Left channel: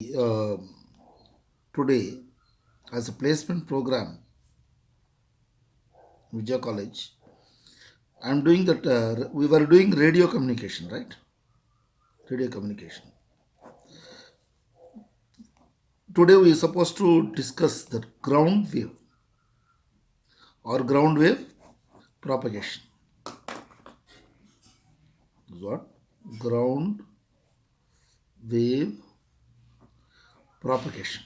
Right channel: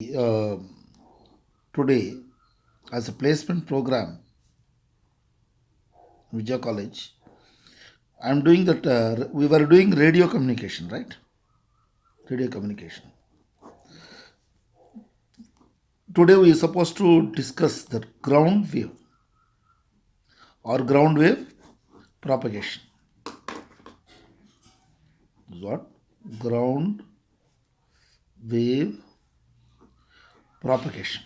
uh, today as a placement program, Vijay College. I'm doing that. We were doing radio communication, right? Radio communication. Today we are supposed to discuss the ground wave or ground wave propagation. What? Ground wave propagation.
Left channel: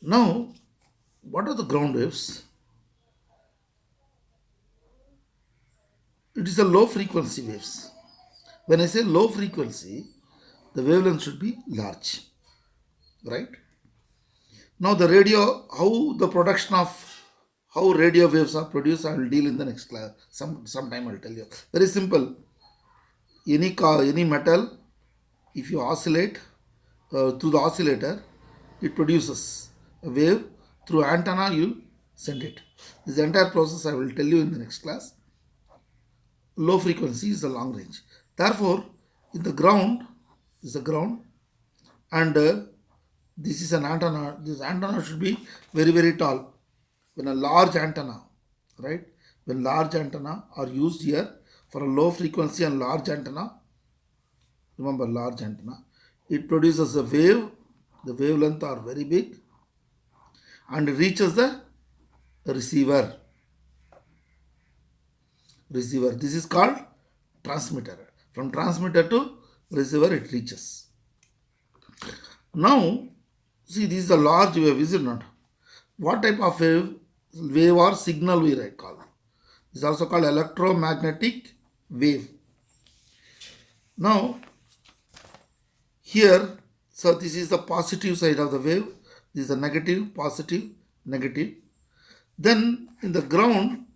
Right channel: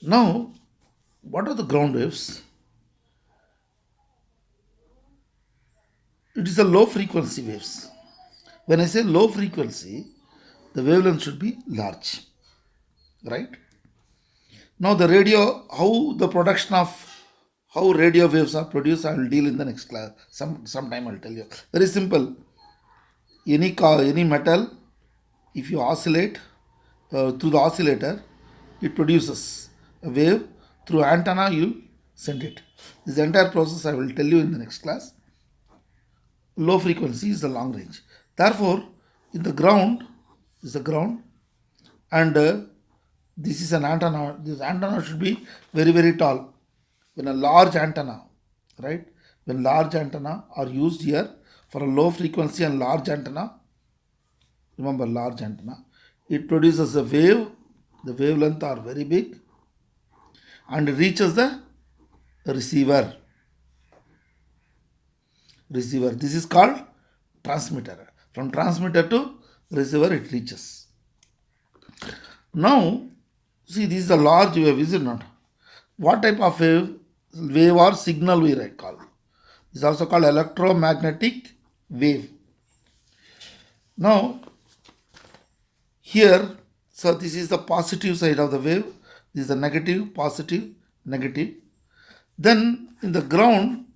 Now, what are the ground waves? It is a low frequency waves. When I say low frequency, the wavelength should be large, right? Now the radio, how the production of how radio waves are produced, I will deal in the next class. Sometime I'll tell you. Very simple. Any metal, if you oscillate through the oscillator, it produces a wave. Through antenna, you send it. This entire process I will tell you in the next class. Low frequency is the long range. Therefore, in the ground is the ground, and this is an antenna. This antenna should be very, very tall. When a large antenna, right? When large antenna are used here for a low frequency and large antenna, remember large antenna, it produces a wave. The wavelength are very big and reaches the receiver. This is called transmitter. From transmitter to receiver it reaches. Now, see, this is a large wave, is it not? What type of wave? Wave or signal we call. This is also called electromagnetic wave. Now, here, so this is the positive side of the wave. This is the negative, positive, negative. Then in the ground,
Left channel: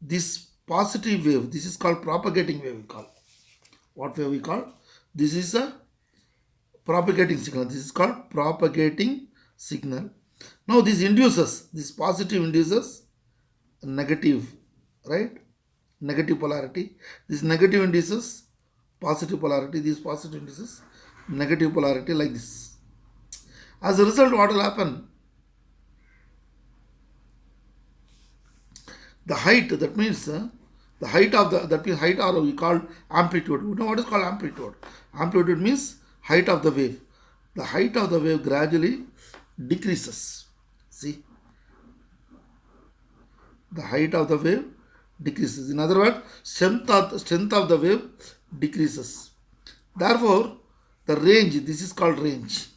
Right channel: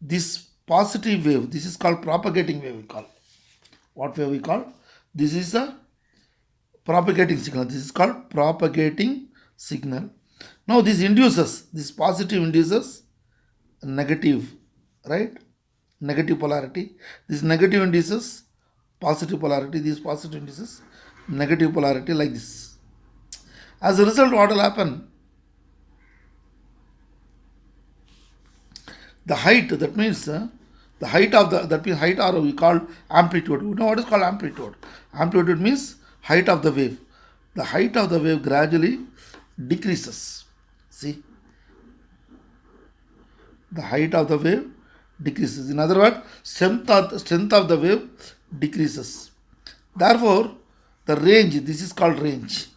this positive wave, this is called propagating wave we call. What wave we call? This is a propagating signal. This is called propagating signal. Now this induces, this positive induces negative, right? Negative polarity. This negative induces positive polarity. This positive induces negative polarity, like this. As a result, what will happen? The height, that means the height of the, that means height, or we call amplitude. You know what is called amplitude? Amplitude means height of the wave. The height of the wave gradually decreases. See, the height of the wave decreases. In other words, strength of the wave decreases. Therefore, the range, this is called range,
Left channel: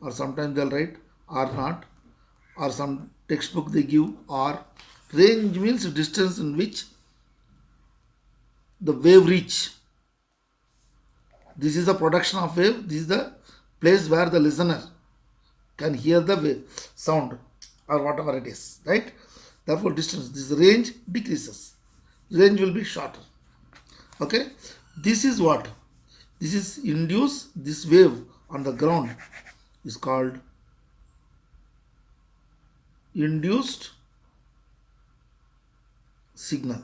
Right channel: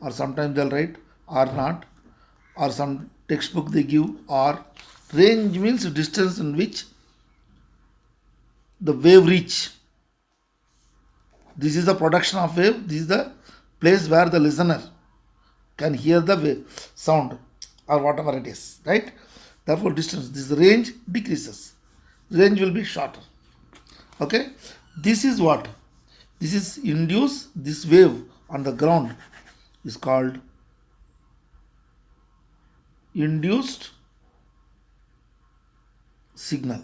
or sometimes they'll write or not, or some textbook they give, or range means distance in which the wave reach. This is the production of wave. This is the place where the listener can hear the wave sound or whatever it is, right? Therefore, distance, this range decreases. Range will be shorter. Okay, this is what? This is induce this wave on the ground is called induced signal,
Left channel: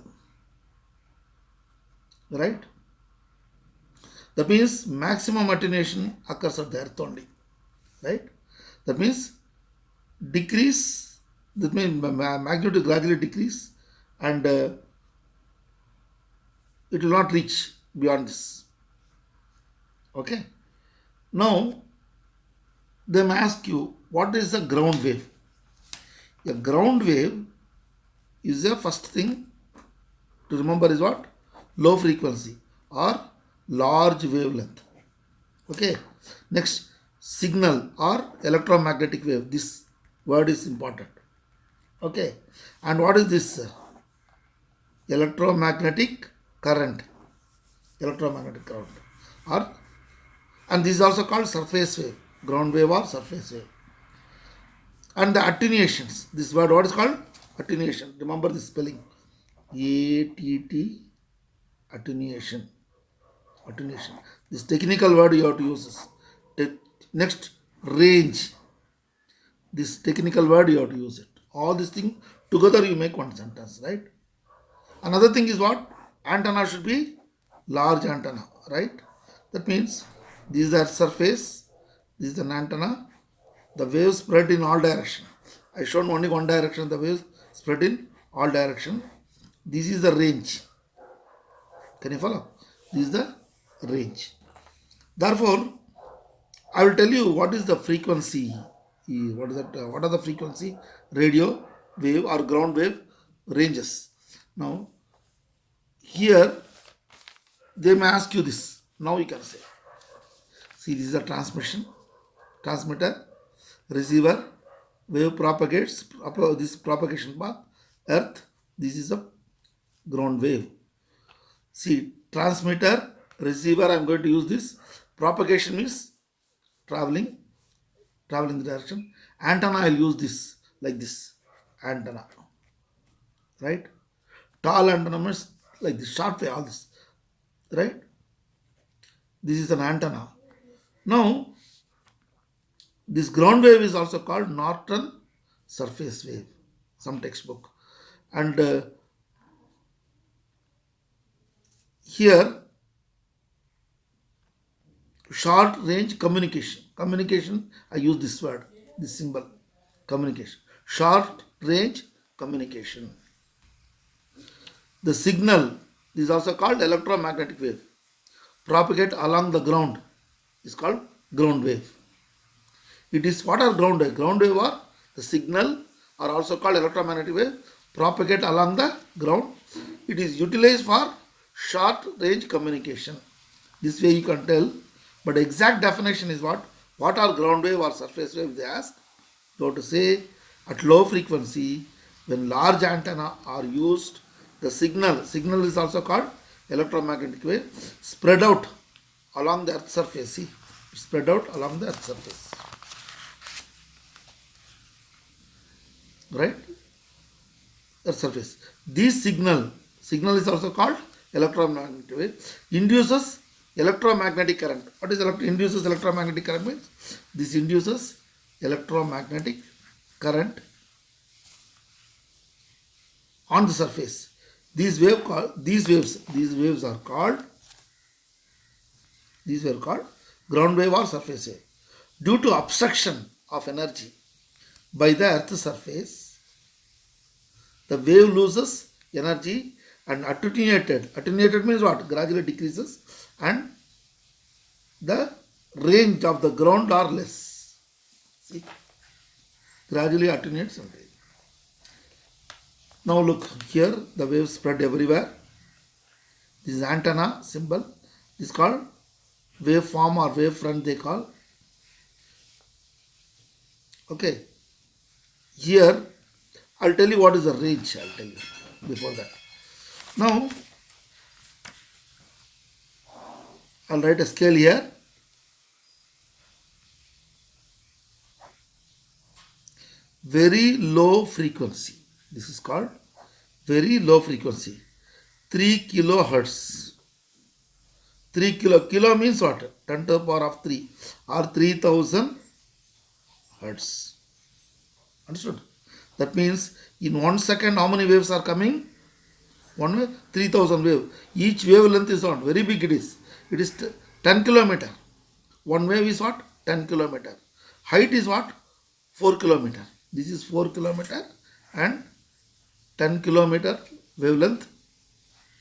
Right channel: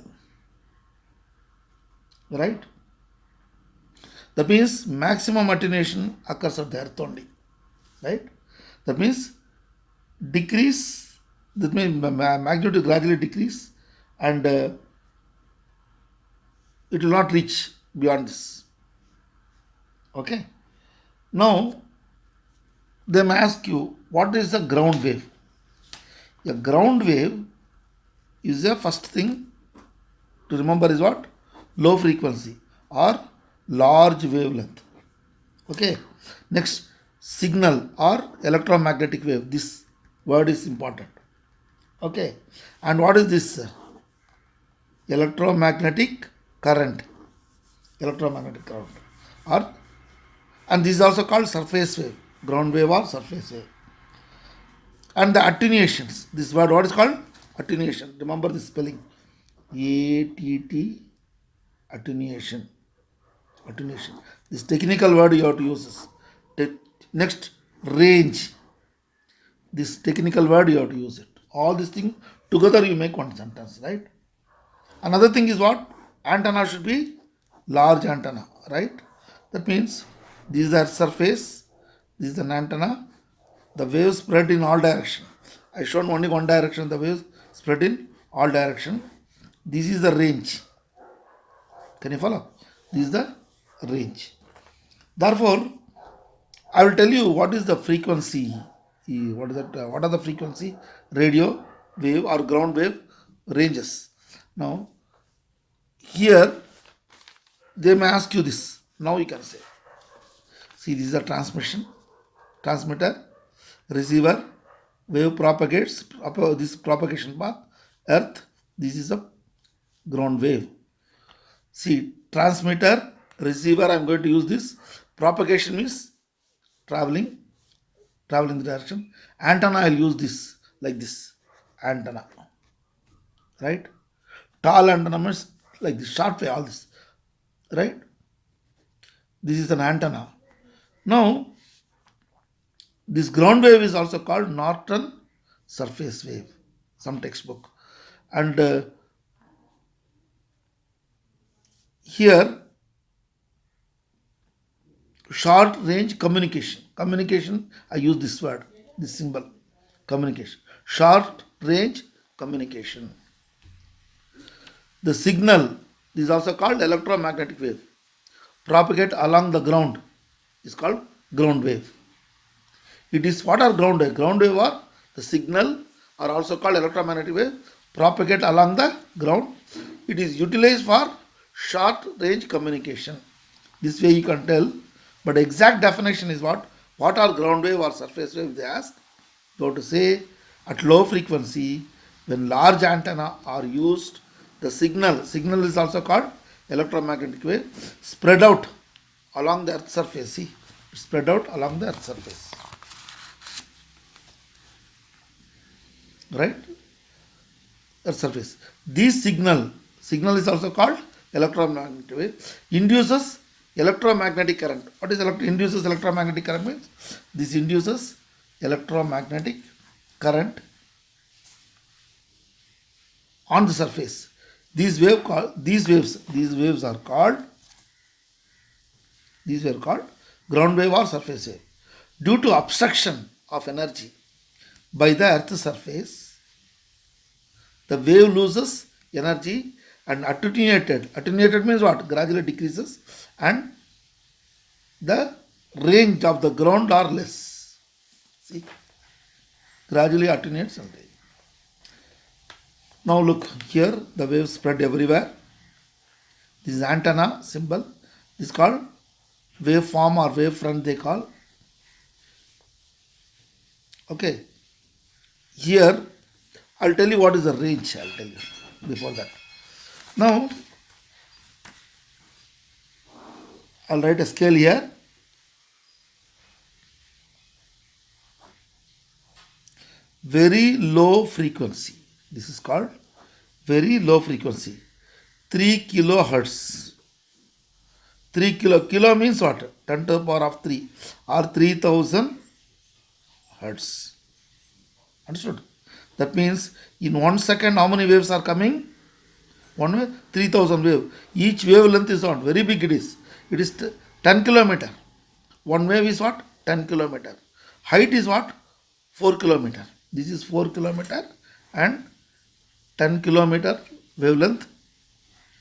right? That means maximum attenuation occurs at the earth only, right? That means decrease, that means magnitude gradually decrease, and it will not reach beyond this. Okay. Now, they may ask you, what is a ground wave? A ground wave is the first thing to remember is what? Low frequency or large wavelength. Okay. Next, signal or electromagnetic wave. This word is important. Okay. And what is this? Electromagnetic current. Electromagnetic current. Or, and this is also called surface wave. Ground wave or surface wave. And the attenuations. This word, what is called? Attenuation. Remember the spelling. ATT, attenuation. Attenuation. This technical word you have to use this. Next, range. This technical word you have to use it. All these things together you make one sentence, right? Another thing is what? Antenna should be large antenna, right? That means This is the earth surface. This is an antenna. The waves spread in all direction. I shown only one direction. The waves spread in all direction. This is the range. Can you follow? This is the range. Therefore, I will tell you what is the frequency. What is that? What are the frequency? Radio wave or ground wave ranges. Now, here they may ask you this. Now you can say. See, this is a transmitter, receiver, wave propagates, this propagation path, earth, this is a ground wave. See, transmitter, receiver, I am going to use this. Propagation means traveling the direction. Antenna, I will use this, like this, antenna. Right? Tall antenna means like this, short wave, all this. Right? This is an antenna. Now, this ground wave is also called Norton surface wave, some textbook. And here, short range communication. Communication, I use this word, this symbol, communication. Short range communication. The signal is also called electromagnetic wave. Propagate along the ground is called ground wave. It is what are ground wave? Ground wave or the signal are also called electromagnetic wave. Propagate along the ground. It is utilized for short range communication. This way you can tell. But exact definition is what? What are ground wave or surface wave? They ask. You have to say at low frequency when large antenna are used, the signal is also called electromagnetic wave, spread out along the earth surface. See, spread out along the earth surface. Right? Earth surface. This signal is also called electromagnetic wave, induces electromagnetic current. What is induces electromagnetic current means? This induces electromagnetic current on the surface. These waves are called ground wave or surface wave. Due to obstruction of energy by the earth surface, the wave loses energy and attenuated means what? Gradually decreases, and the range of the ground are less. See, gradually attenuates and range. Now look here, the waves spread everywhere. This is antenna symbol. This is called waveform or wavefront they call. Okay. Here, I'll tell you what is the range. I'll tell you before that. Now, I'll write a scale here. Very low frequency. This is called very low frequency. 3 kilohertz. 3 kilo means what? 10 to the power of 3 or 3000 hertz. Understood? That means in 1 second how many waves are coming? 1 wave, 3000 wave. Each wavelength is what? Very big it is. It is 10 kilometer. One wave is what? 10 kilometer. Height is what? 4 kilometer. This is 4 kilometer and 10 kilometer wavelength.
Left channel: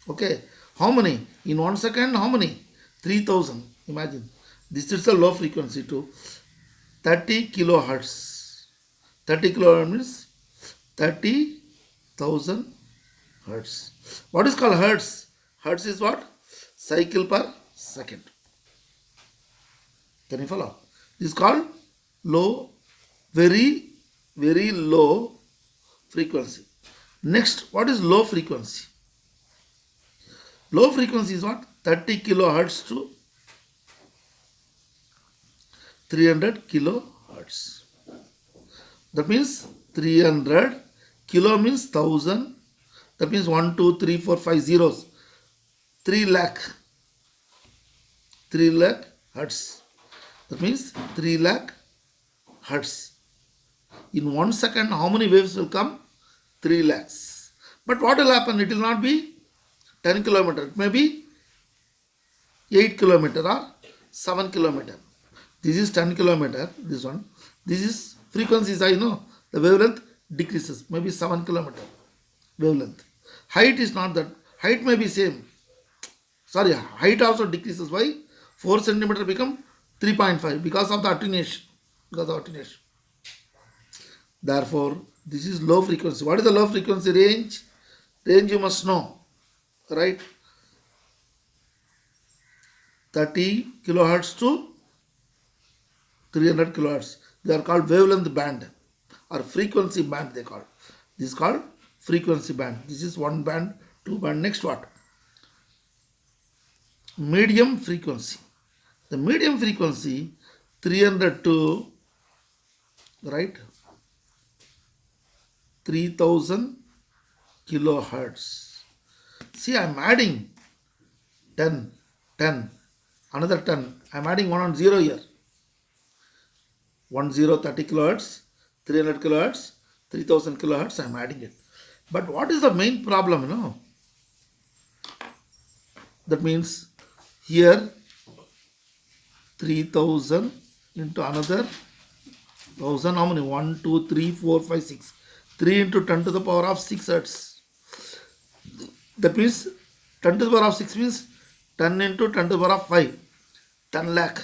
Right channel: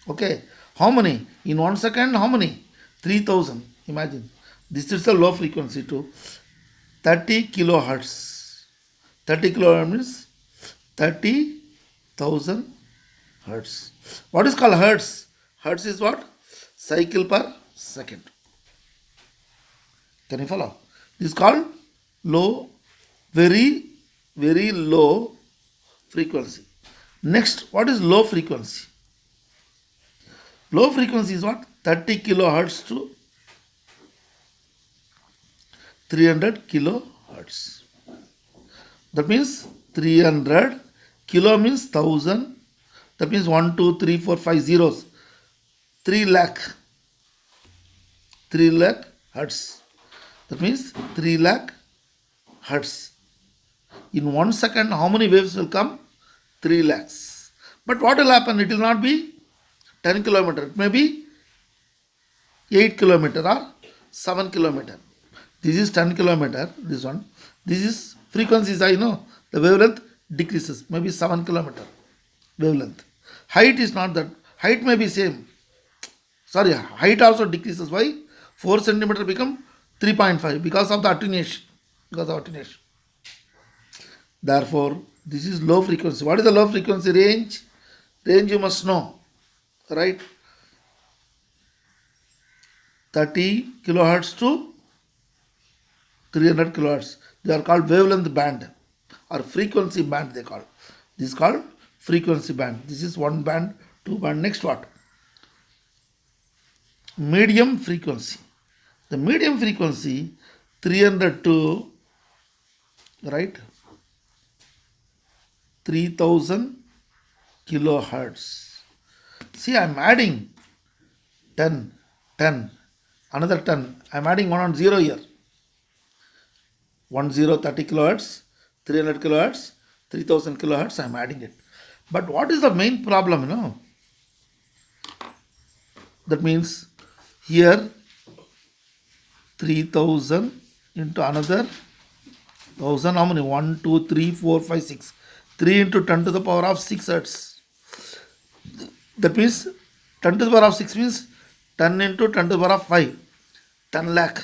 Okay. How many? In 1 second, how many? 3000. Imagine. This is a low frequency too. 30 kilohertz. 30 kilohertz means 30,000 hertz. What is called hertz? Hertz is what? Cycle per second. Can you follow? This is called low, very, very low frequency. Next, what is low frequency? Low frequency is what? 30 kilohertz to 300 kilohertz. That means 300 kilo means 1000. That means 1, 2, 3, 4, 5 zeros. 3 lakh. 3 lakh hertz. That means 3 lakh hertz. In 1 second, how many waves will come? 3 lakhs. But what will happen? It will not be 10 kilometer. It may be 8 kilometer or 7 kilometer. This is 10 kilometer. This one. This is frequency is high. No, the wavelength decreases. Maybe 7 kilometer wavelength. Height is not that. Height may be same. Sorry, height also decreases. Why? 4 centimeter become 3.5 because of the attenuation. Because of attenuation. Therefore, this is low frequency. What is the low frequency range? Range you must know, right? 30 kilohertz to 300 kilohertz. They are called wavelength band or frequency band they call. This is called frequency band. This is one band, two band. Next what? Medium frequency. The medium frequency 300 to, right, 3000 kilohertz. See, I am adding 10, 10, another 10. I am adding 1 on 0 here. 30 kilohertz, 300 kilohertz, 3000 kilohertz. I am adding it. But what is the main problem? That means here 3000 into another 1000. How many? 1, 2, 3, 4, 5, 6. 3 into 10 to the power of 6 hertz. That means 10 to the power of 6 means 10 into 10 to the power of 5. 10 lakh.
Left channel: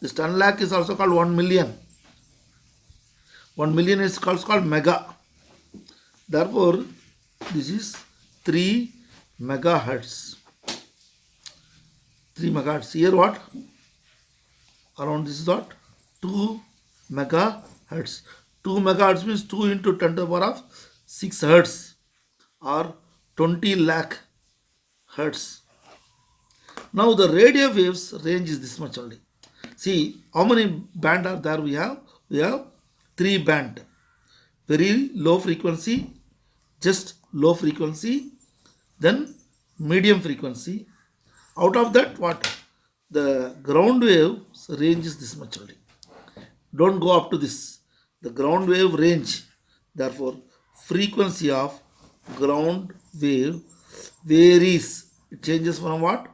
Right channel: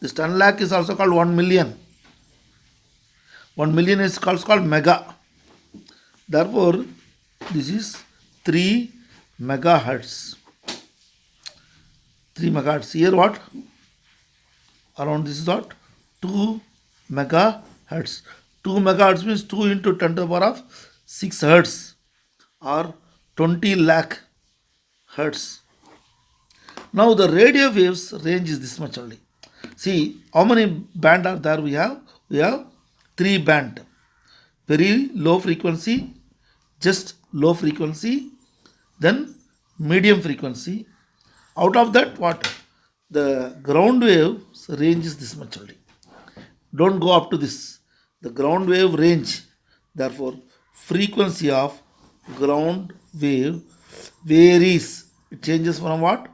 This 10 lakh is also called 1 million. 1 million is called mega. Therefore, this is 3 megahertz. 3 megahertz. Here what? Around this is what? 2 megahertz. 2 megahertz means 2 into 10 to the power of 6 hertz or 20 lakh hertz. Now the radio waves range is this much only. See how many band are there we have? We have 3 band. Very low frequency, just low frequency, then medium frequency. Out of that what? The ground wave range is this much only. Don't go up to this. The ground wave range, therefore frequency of ground wave varies. It changes from what?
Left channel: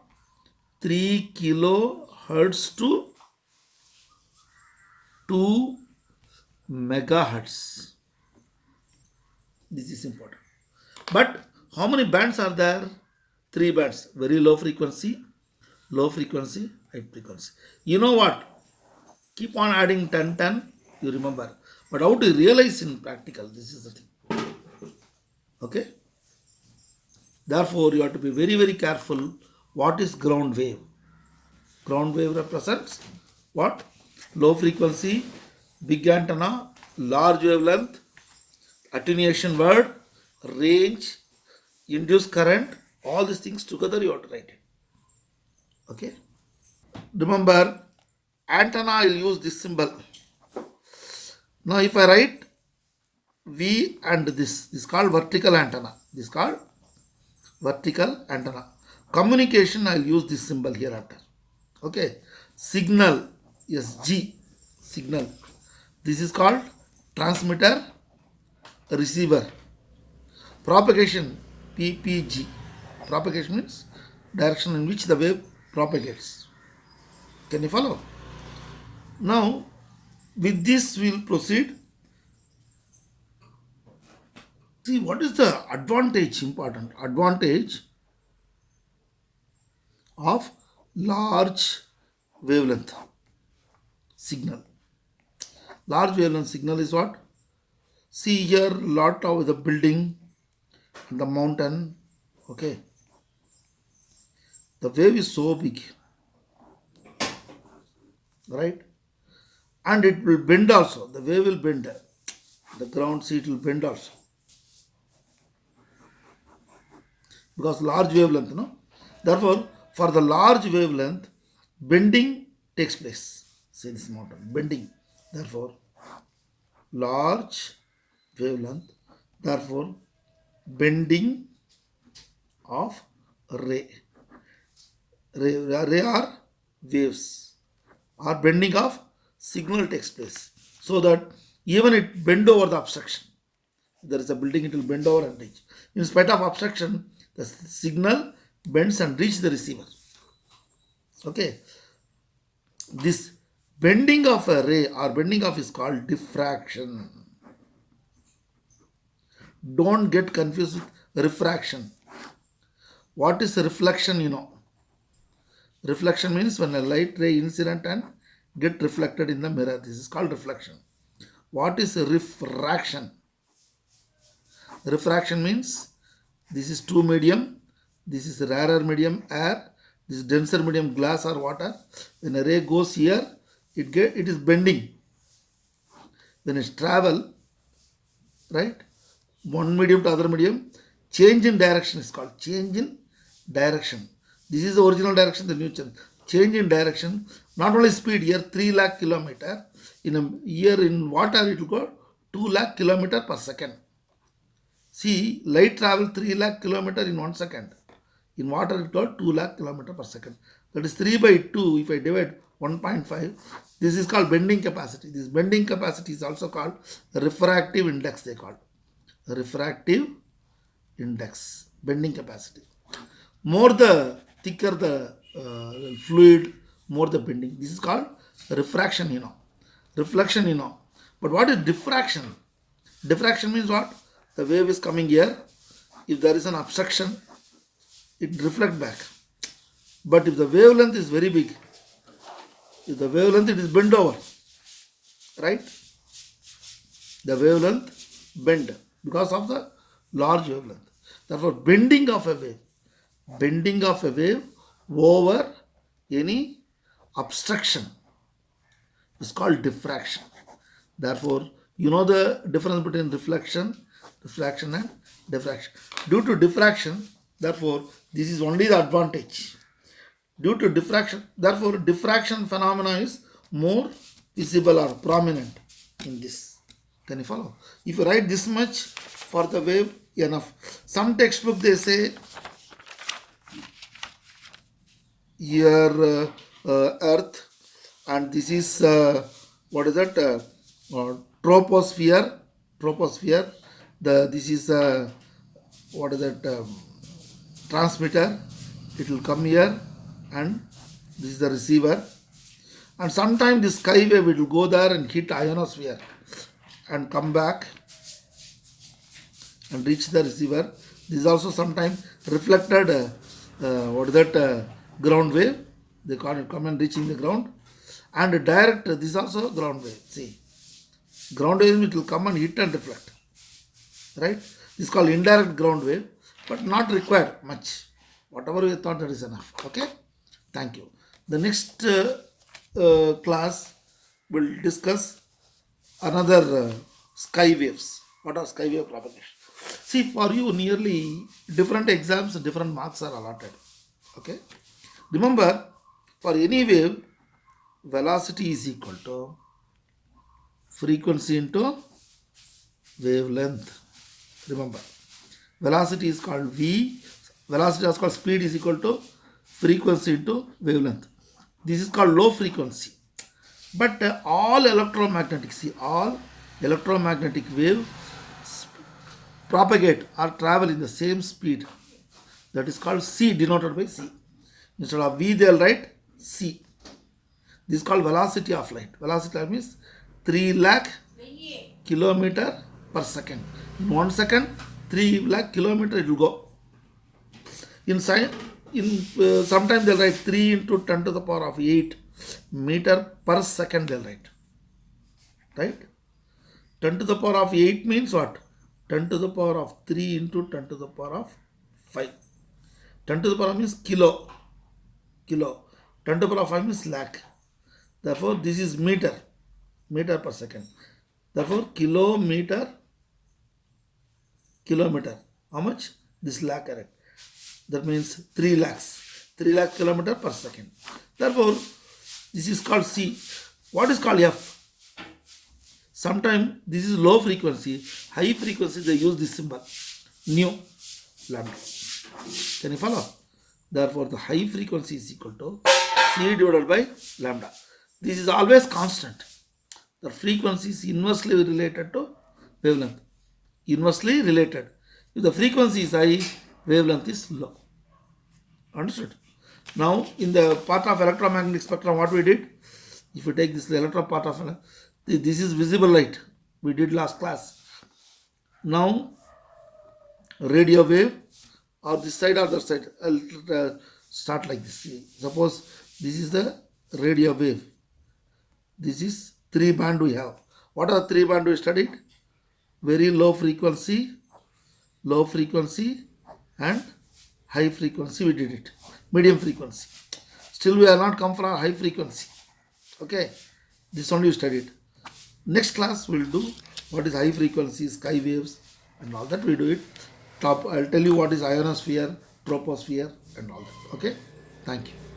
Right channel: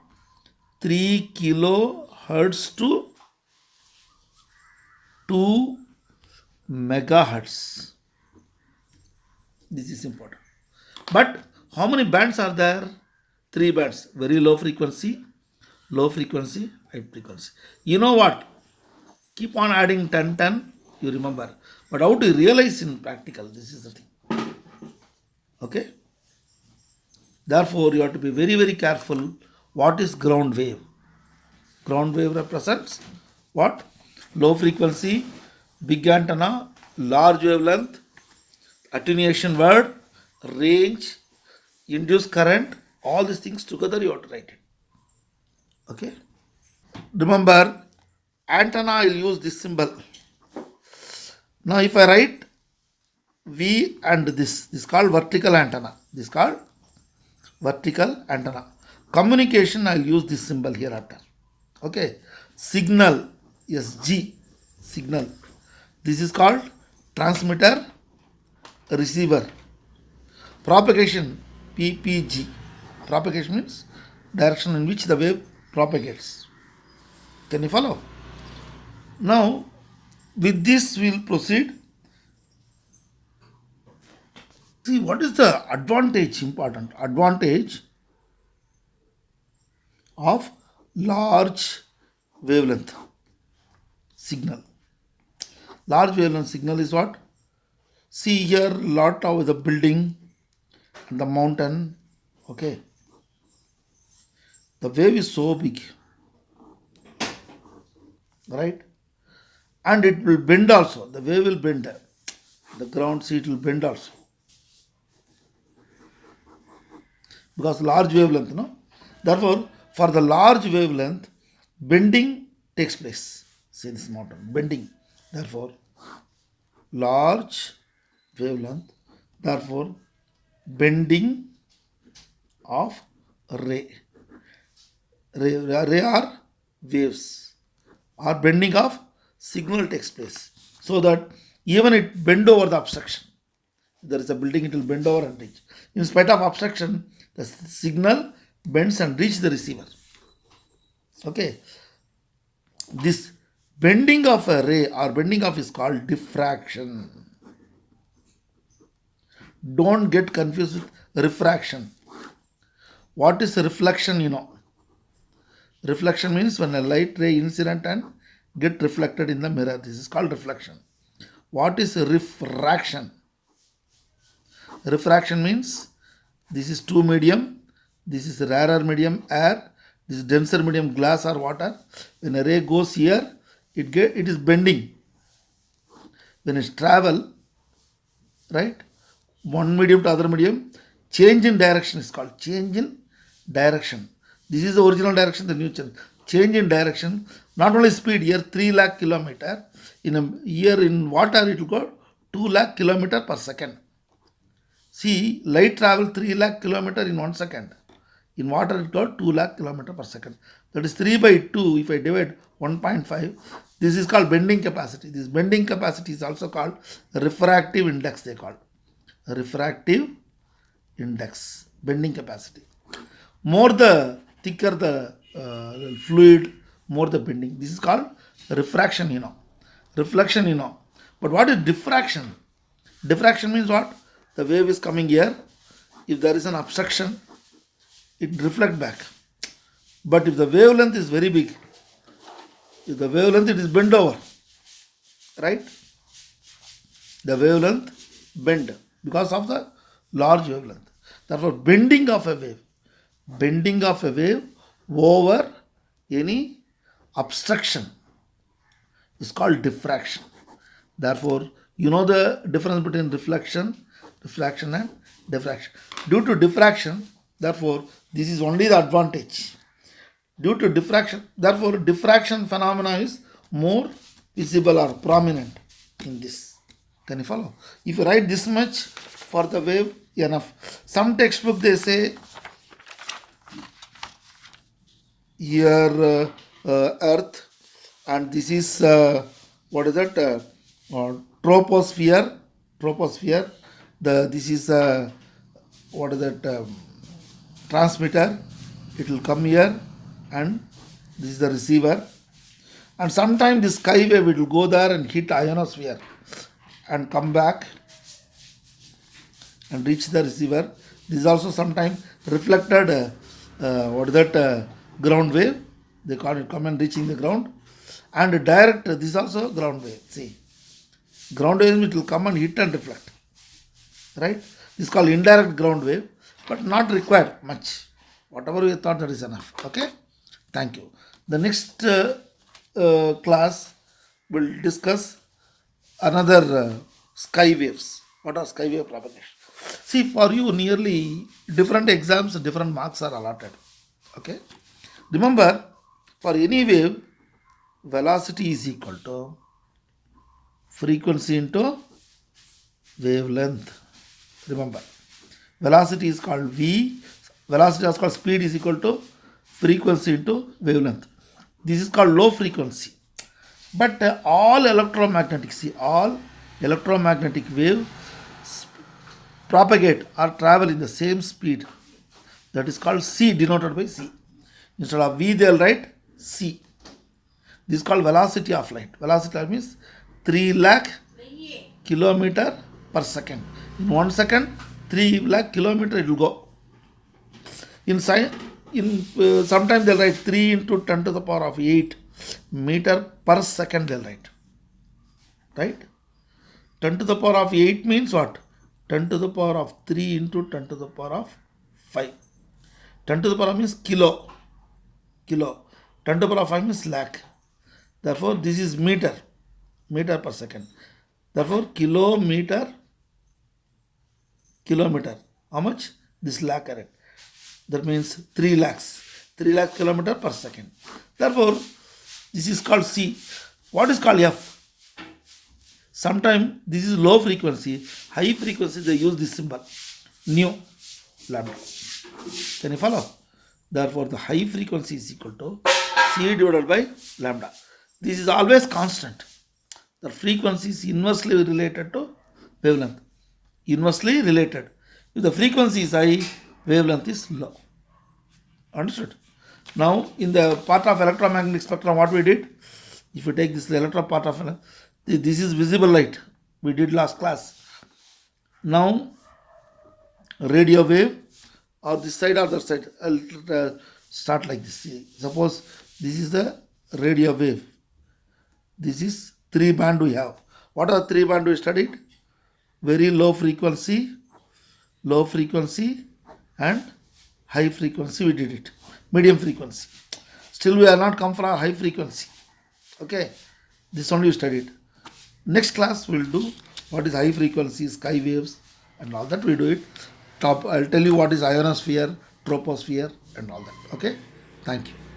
3 kilohertz to 2 megahertz. This is important. But how many bands are there? 3 bands. Very low frequency, high frequency. You know what? Keep on adding 10, 10, you remember. But how to realize in practical? This is the thing. Okay? Therefore, you have to be very, very careful. What is ground wave? Ground wave represents what? Low frequency, big antenna, large wavelength, attenuation word, range, induced current, all these things together you have to write it. Okay? Remember, antenna I will use this symbol. Now if I write V and this is called vertical antenna. This is called vertical antenna. Communication I will use this symbol here after. Okay? Signal, yes, G, signal. This is called transmitter, receiver. Propagation, PPG. Propagation means direction in which the wave propagates. Can you follow? Now, with this we will proceed. See, what is the advantage, important? Advantage of large wavelength signal. Large wavelength signal is what? See here, lot of the building and the mountain. Okay. The wave is so big, right? And it will bend also. The wave will bend. The ground seat will bend also. Because large wavelength, no? Therefore, for the large wavelength, bending takes place. See this mountain, bending. Therefore, large wavelength, therefore, bending of ray. Ray are waves, or bending of signal takes place. So that even it bend over the obstruction. If there is a building, it will bend over and reach. In spite of obstruction, the signal bends and reach the receiver. Okay. This bending of a ray or bending of is called diffraction. Don't get confused with refraction. What is reflection? Reflection means when a light ray incident and get reflected in the mirror. This is called reflection. What is refraction? Refraction means this is two medium, this is rarer medium air, this is denser medium glass or water. When a ray goes here, it is bending. When it travel, right, one medium to other medium, change in direction is called change in direction. This is the original direction, the new change in direction. Not only speed here, 3 lakh kilometer. In a year in water, it will go 2 lakh kilometer per second. See, light travel 3 lakh kilometer in 1 second. In water, it got 2 lakh kilometer per second. That is 3 by 2. If I divide 1.5, this is called bending capacity. This bending capacity is also called refractive index. They call refractive index, bending capacity. More the thicker the fluid, more the bending. This is called refraction. Reflection. But what is diffraction? Diffraction means what? The wave is coming here. If there is an obstruction, it reflects back. But if the wavelength is very big, if the wavelength it is bent over, right? The wavelength bend because of the large wavelength. Therefore, bending of a wave over any obstruction is called diffraction. Therefore, you know the difference between refraction and diffraction. Due to diffraction, therefore, this is only the advantage. Due to diffraction, therefore, diffraction phenomena is more visible or prominent in this. Can you follow? If you write this much for the wave, enough. Some textbook they say here Earth, and this is what is that? Troposphere. This is what is that? Transmitter. It will come here, and this is the receiver. And sometimes the sky wave it will go there and hit ionosphere and come back and reach the receiver. This is also sometimes reflected what is that ground wave. They call it come and reaching the ground. And direct, this is also ground wave. See, ground wave it will come and hit and reflect. Right? This is called indirect ground wave, but not required much. Whatever we thought that is enough. Okay? Thank you. The next class will discuss another sky waves. What are sky wave propagation? See, for you, nearly different exams, different marks are allotted. Okay? Remember, for any wave, velocity is equal to frequency into wavelength. Remember, velocity is called V. Velocity is called speed is equal to frequency into wavelength. This is called low frequency. But all electromagnetic waves propagate or travel in the same speed. That is called C, denoted by C. Instead of V, they will write C. This is called velocity of light. Velocity means 3 lakh kilometer per second. In 1 second, 3 lakh kilometer it will go. Sometimes they will write 3 into 10 to the power of 8 meter per second they will write. Right? 10 to the power of 8 means what? 10 to the power of 3 into 10 to the power of 5. 10 to the power means kilo. 10 to the power of 5 means lakh. Therefore, this is meter per second. Therefore, kilometer. How much? This lakh, correct. That means 3 lakhs. 3 lakh kilometer per second. Therefore, this is called C. What is called F? Sometimes this is low frequency. High frequency, they use this symbol. Nu, lambda. Can you follow? Therefore, the high frequency is equal to C divided by lambda. This is always constant. The frequency is inversely related to wavelength. Inversely related. If the frequency is high, wavelength is low. Understood? Now, in the part of electromagnetic spectrum, what we did? If you take this the electron part of this is visible light. We did last class. Now radio wave or this side or that side. I'll start like this. Suppose this is the radio wave. This is 3 band we have. What are the 3 band we studied? Very low frequency, and high frequency we did it. Medium frequency. Still we are not come for high frequency. Okay. This only we studied. Next class we will do what is high frequency, sky waves and all that we do it. I'll tell you what is ionosphere, troposphere and all that. Okay. Thank you.